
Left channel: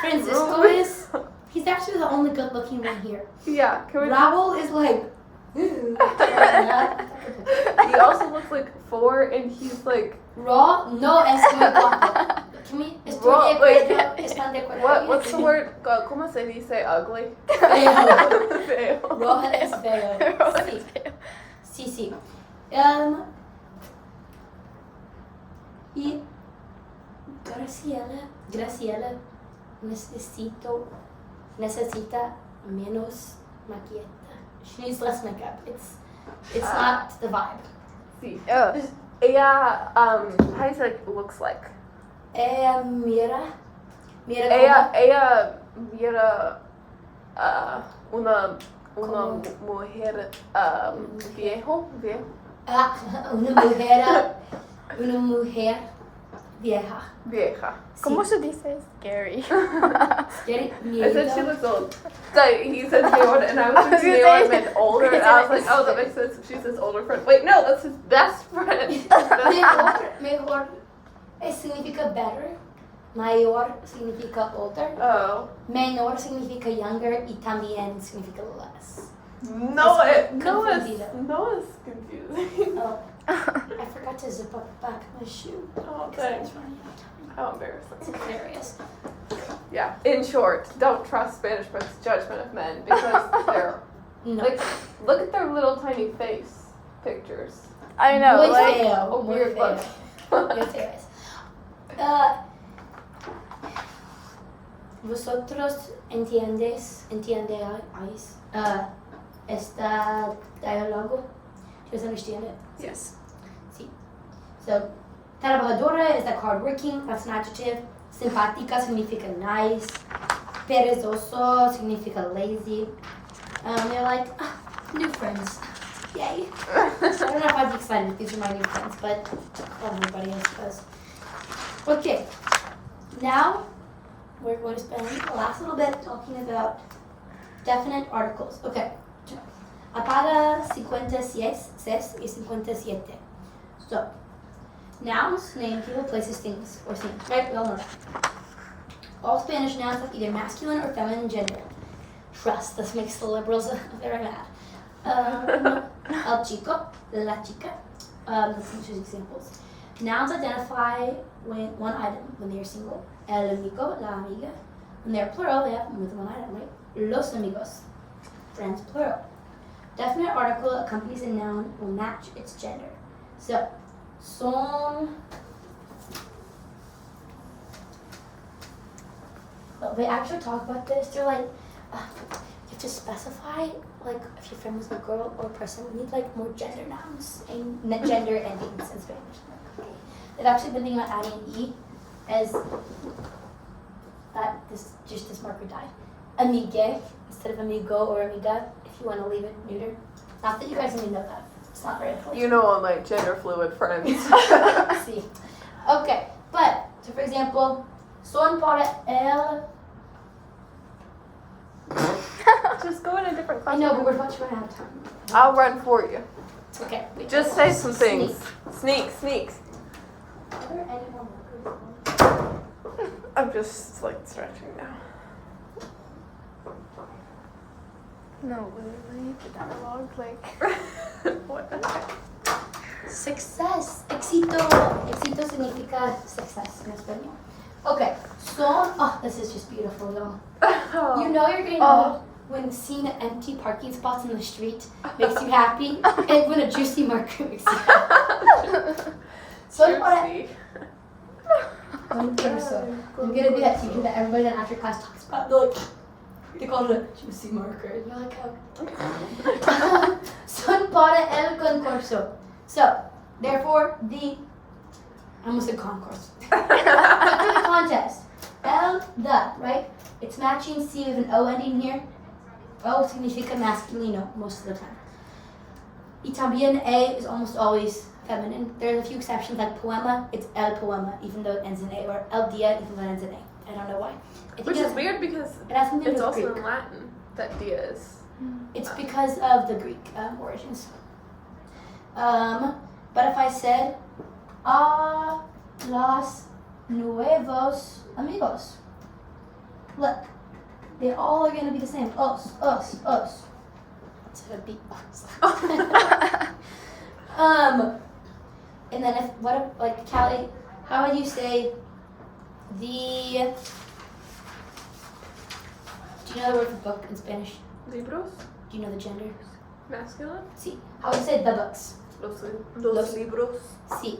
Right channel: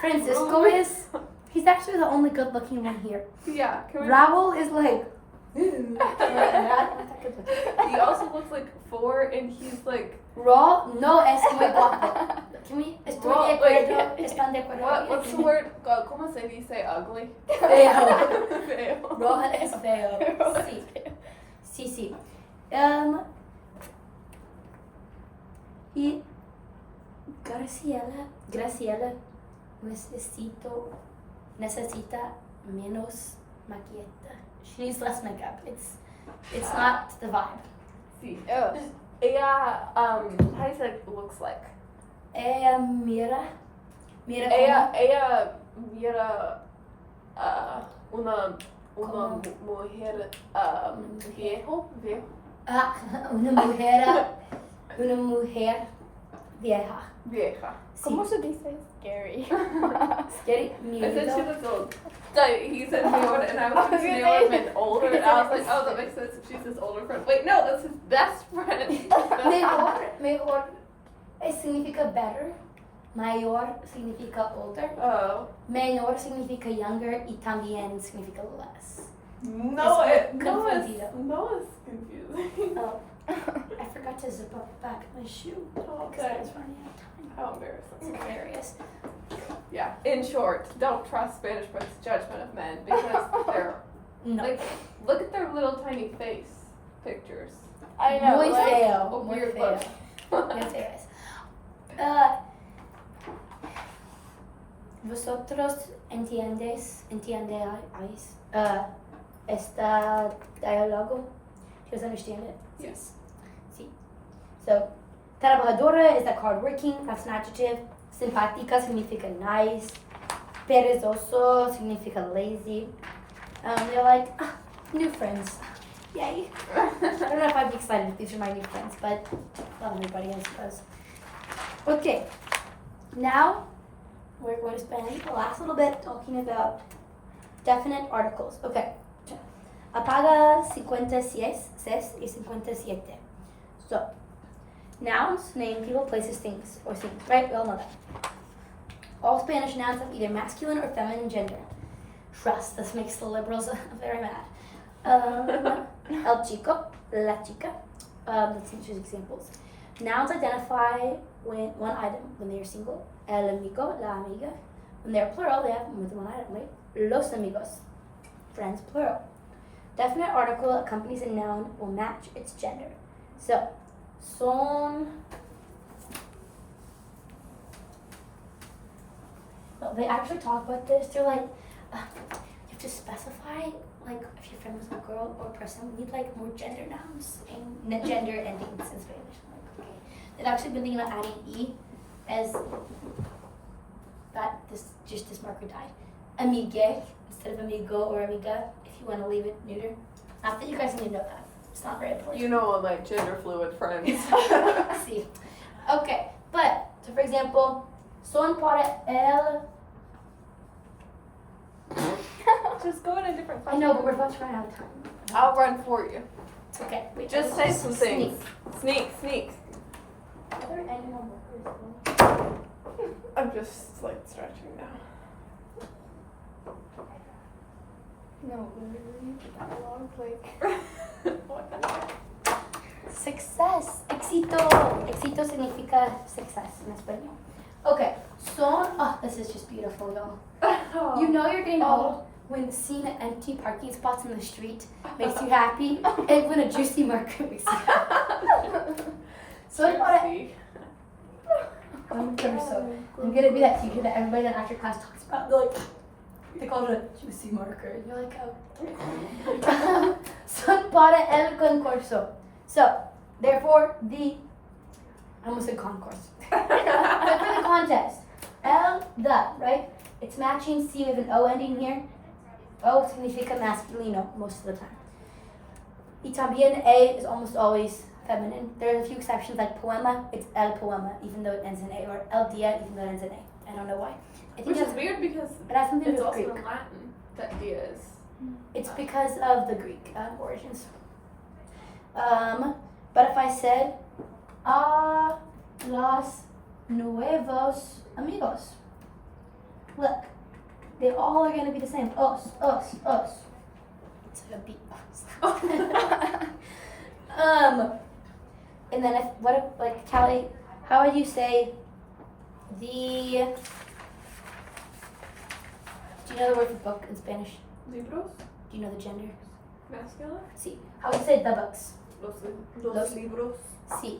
Francisco is, he's actually the only good looking one here. Yeah, can we? Raul is like, ooh. He also looks like 4 and he's like, Raw, no es muy guapo. Can we? Estoy de acuerdo. ¿Están de acuerdo? What's the word? ¿Cómo se dice ugly? Feo. Feo. Rohan es feo. Sí. Sí. Y Graciela necesita menos maquilleta. She needs less makeup. It's not the vibe. Sí. Oh. Ella, how do you say looks like? Ella mira Ella como mira una Como- mujer viejo. una mujer vieja. Vieja. ¿Cómo Sí. se dice? Scary. Scary, I said she miedo. looks old. So he said Leora, and I was thinking they would have been older, and I was like, oh, that makes sense. She's his older friend. Wait, no, that's his best friend. Mejor significa better. Mayor significa older. Oh. Menor significa younger y también significa less. Noah's confundido. confusing. Oh, I forgot to zip up the back of my shoe Oh, because I was thanks. running out of time. How It's embarrassing. hilarious. Yeah. In short, don't trust Spanish Friends' judgment of men because they're No. like, look at their little tiny face pictures. I know. Muy like, feo. Muy Weird feo. look. Muy feos. ¿Vosotros entiendes este diálogo? Do you guys understand it? Yes. Sí. So, trabajadora is like hardworking, that's an adjective. Simpática significa nice. Perezoso significa lazy. They're like, new friends. Yay. I don't know if I'd be excited if these are my new friends, but everybody else does. Okay. Now, we're going to spend the last little bit talking about definite articles. Okay. Apaga 56 y 57. So, nouns name people, places, things, or things, right? We all know that. All Spanish nouns have either masculine or feminine gender. Trust, this makes the liberals very mad. El chico, la chica. Let's choose examples. Nouns identify one item when they are single. El amigo, la amiga. When they are plural, they have more than one item, right? Los amigos, friends, plural. Definite article accompanies a noun will match its gender. So, son. Well, they actually talk about this. They're like, you have to specify, like, if your friend was a girl or a person, we need, like, more gender nouns and gender endings in Spanish. They've actually been thinking about adding E as that this marker died. Amigue instead of amigo or amiga, if you want to leave it neuter. Not that you guys need to know that. It's not very important. You know all my gender fluid friends. See. Okay, but, so for example, son para el. Just go in a different I know, but we're about to run out of time. I'll run for you. It's okay. Wait, Just say some things. Sneak. I'm just like stretching now. No, literally, the dialogue, like. What the heck? Success. Éxito. Éxito significa success in español. Okay, son. Oh, this is just beautiful, y'all. You know you're getting old when seeing empty parking spots in the street makes you happy, and when a juicy marker makes you happy. Son para. I'm gonna be that teacher that everybody in after class talks about. They're like, they call it a juicy marker. And you're like, oh. Son para el concurso. So, therefore, I almost said concourse. But for the contest. The, right? It's matching. See, we have an O ending here. O significa masculino most of the time. Y también A is almost always feminine. There's a few exceptions like poema, it's el poema, even though it ends in A, or el dia, even though it ends in A. I don't know why. I think Which is weird because it has something to it's do also with Greek. in Latin that dia is. It's because of the Greek origins. But if I said, a los nuevos amigos. Look, they all are going to be the same. Os. It's like a beatbox. And then like Callie, how would you say Do you know the word for book in Spanish? Libros. Do you know the gender? Masculine. Sí. How would you say the books? Los libros. Sí.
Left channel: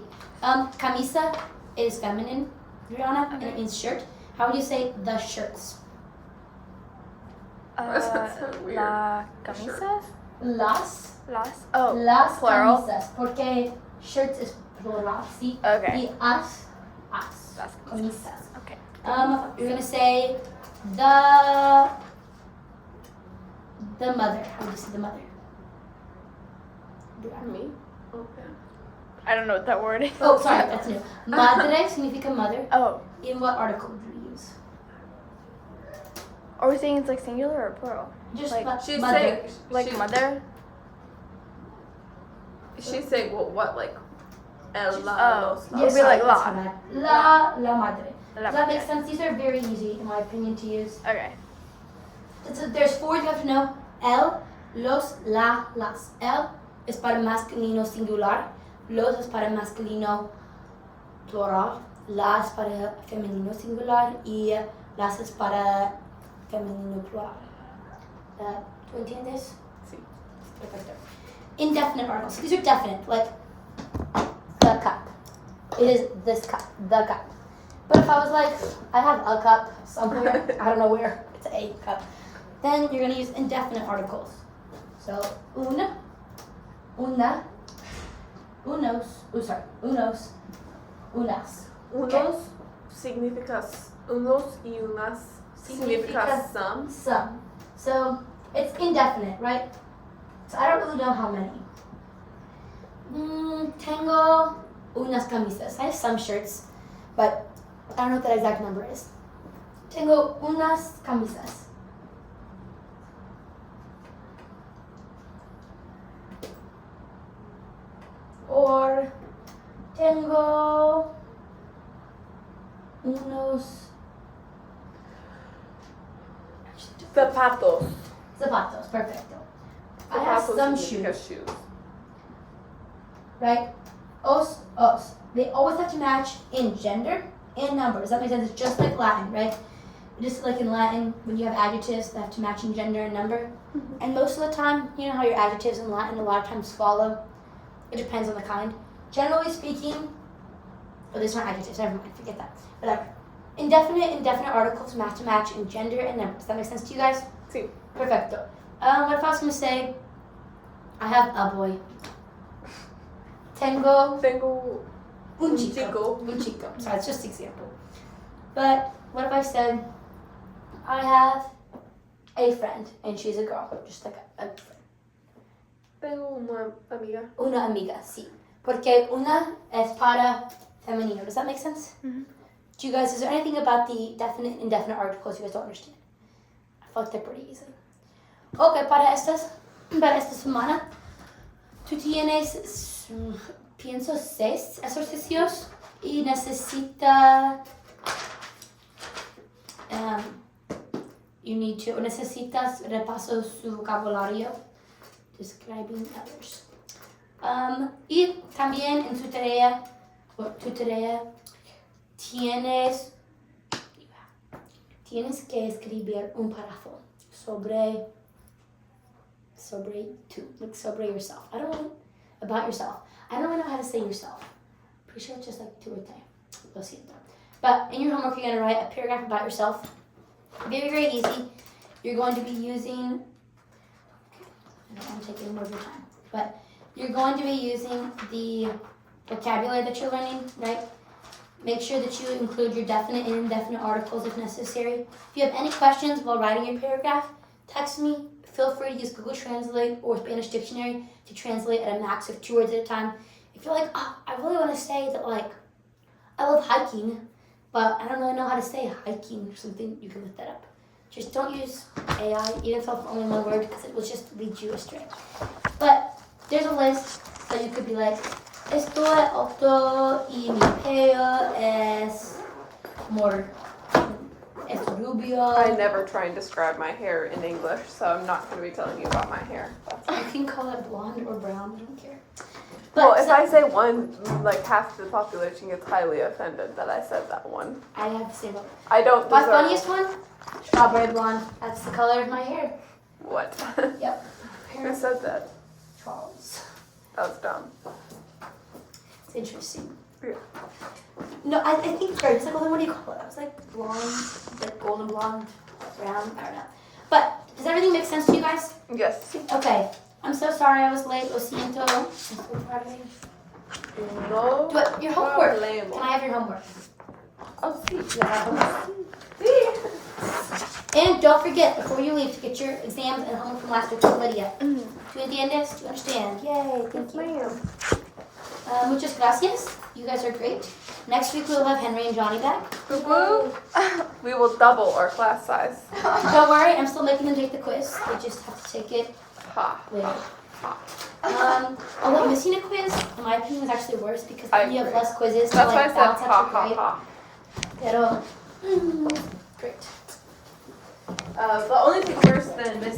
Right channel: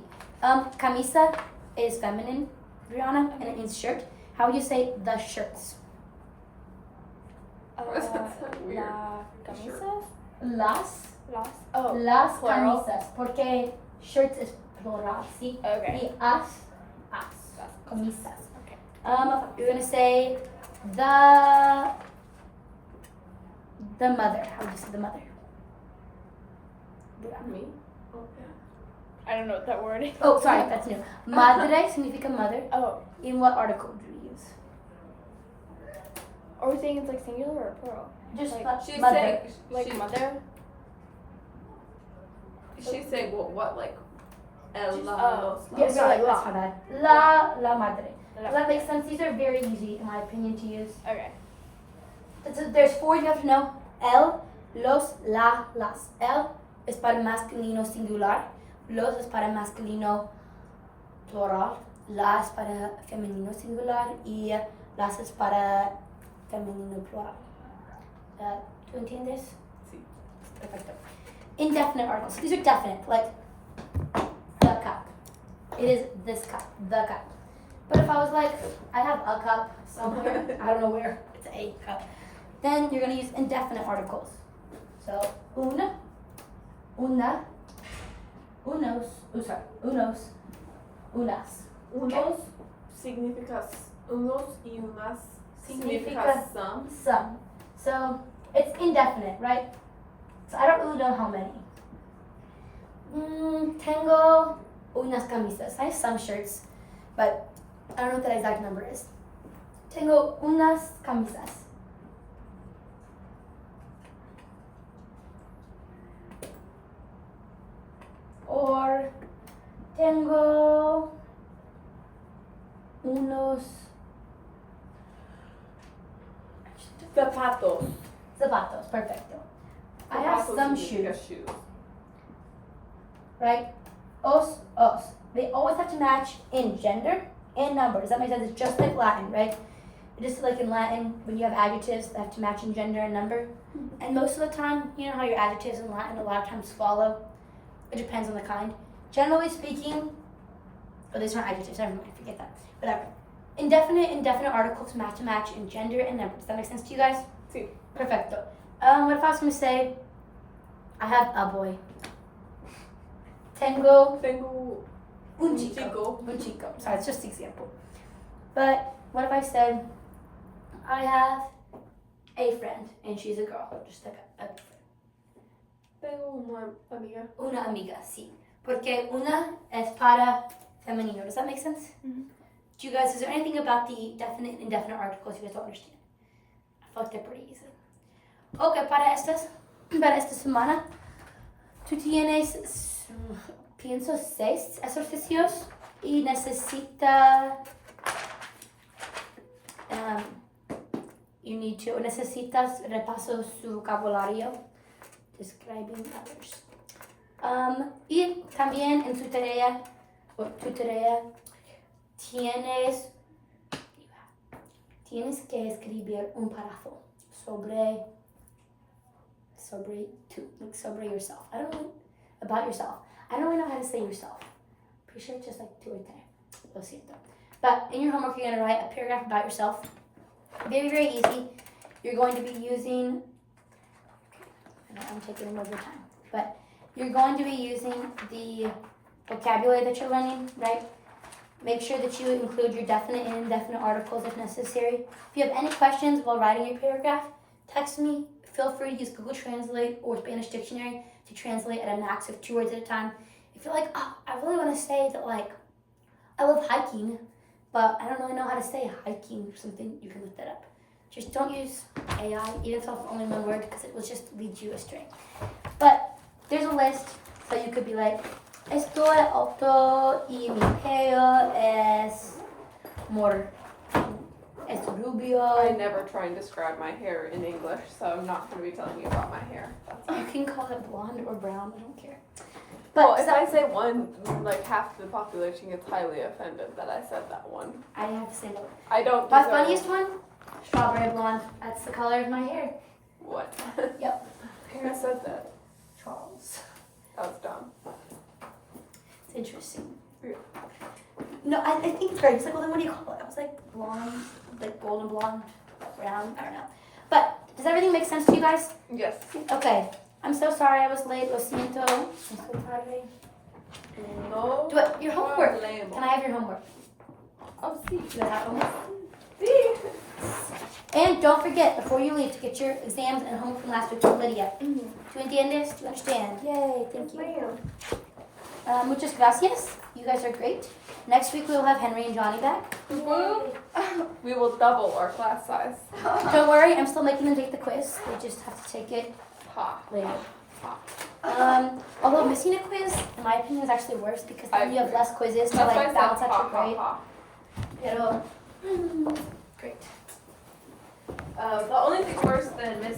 Camisa is feminine, Rihanna, and it means shirt. How would you say the shirts? That's so weird. La camisa. Las. Oh. Las plural. camisas. Porque shirts is plural, ¿sí? Okay. Y as. Las Camisas. Okay. You're gonna say the mother. How would you say the mother? Me. Oh yeah. I don't know what that word is. Oh, sorry, that's new. Madre significa mother. Oh. In what article do you use? Are we saying it's like singular or plural? Just She's mother. saying Like mother? She's saying what like el Oh. los. Yeah, It'd be sorry, like that's la. my bad. La madre. La Does that make madre. sense? These are very easy, in my opinion, to use. Okay. So there's four you have to know. El, los, la, las. El es para masculino singular. Los es para masculino plural. La es para femenino singular. Y las es para femenino plural. ¿Tú entiendes? Sí. Perfecto. Indefinite articles. These are definite, like the cup. It is this cup, the cup. But if I was like, I have a cup somewhere, I don't know where, it's a cup, then you're gonna use indefinite articles. So, una, unos, unos, unas. Unos significa unos y unas significa some. Some. So, it's indefinite, right? So I don't really know how many. Tengo unas camisas. I have some shirts, but I don't know what that exact number is. Tengo unas camisas. Or tengo unos Zapatos. zapatos. Perfecto. I have Zapatos some significa shoes. Right? Os. They always have to match in gender and number. Does that make sense? It's just like Latin, right? Just like in Latin, when you have adjectives, they have to match in gender and number. And most of the time, you know how your adjectives in Latin a lot of times follow? It depends on the kind. Generally speaking, oh, these aren't adjectives, never mind, forget that. Whatever. Indefinite articles have to match in gender and number. Does that make sense to you guys? Sí. Perfecto. What if I was going to say, I have a boy. Tengo un chico. Un chico. Sorry, it's just an example. But what if I said, I have a friend, and she's a girl, just like a friend. Tengo una amiga. Una amiga, sí. Porque una es para femenino. Does that make sense? Mm-hmm. Do you guys, is there anything about the definite and indefinite articles you guys don't understand? I feel like they're pretty easy. Okay, para esta semana, tú tienes, pienso, 6 ejercicios y necesitas repasar su vocabulario. Describing others. Y también en tu tarea tienes que escribir un párrafo sobre yourself. About yourself. I don't really know how to say yourself. Pretty sure it's just like 2 or 3. Lo siento. But in your homework, you're going to write a paragraph about yourself. Very, very easy. You're going to be using, I'm taking more of your time, but you're going to be using the vocabulary that you're learning, right? Make sure that you include your definite and indefinite articles if necessary. If you have any questions while writing your paragraph, text me. Feel free to use Google Translate or Spanish Dictionary to translate at a max of 2 words at a time. If you're like, oh, I really want to say that, like, I love hiking, but I don't really know how to say hiking or something, you can look that up. Just don't use AI, even if it's only one word, because it will just lead you astray. But there's a list, so you could be like, estoy alto y mi pelo es rubio. I never try and describe my hair in English, so I'm not going to be telling you about my hair. That's You can call it blonde or brown, I don't care. Well, But if I say one, like half the population gets highly offended that I said that one. I have to say that. I don't. My deserve funniest one? Strawberry blonde. That's the color of my hair. What? Yep. Who said that? Charles. That was dumb. It's interesting. Yeah. No, I think it's great. It's like, well, then what do you call it? I was like blonde, like golden blonde, brown. I don't know. But does everything make sense to you guys? Yes. Okay. I'm so sorry I was late. Lo siento. I'm so sorry. No. But your homework. problemo. Can I have your homework? Oh, see. You have homework? See. And don't forget, before you leave, to get your exams and homework from last week from Lydia. ¿Tú entiendes? Do you understand? Yay, thank you. Muchas gracias. You guys are great. Next week we'll have Henry and Johnny back. Woo. We will double our class size. Don't worry, I'm still making them take the quiz. They just have to take it Ha. later. Although missing a quiz, in my opinion, is actually worse because then you have less quizzes to That's why I like said balance ha, out your ha, grade. ha. Pero, great. The only thing worse than missing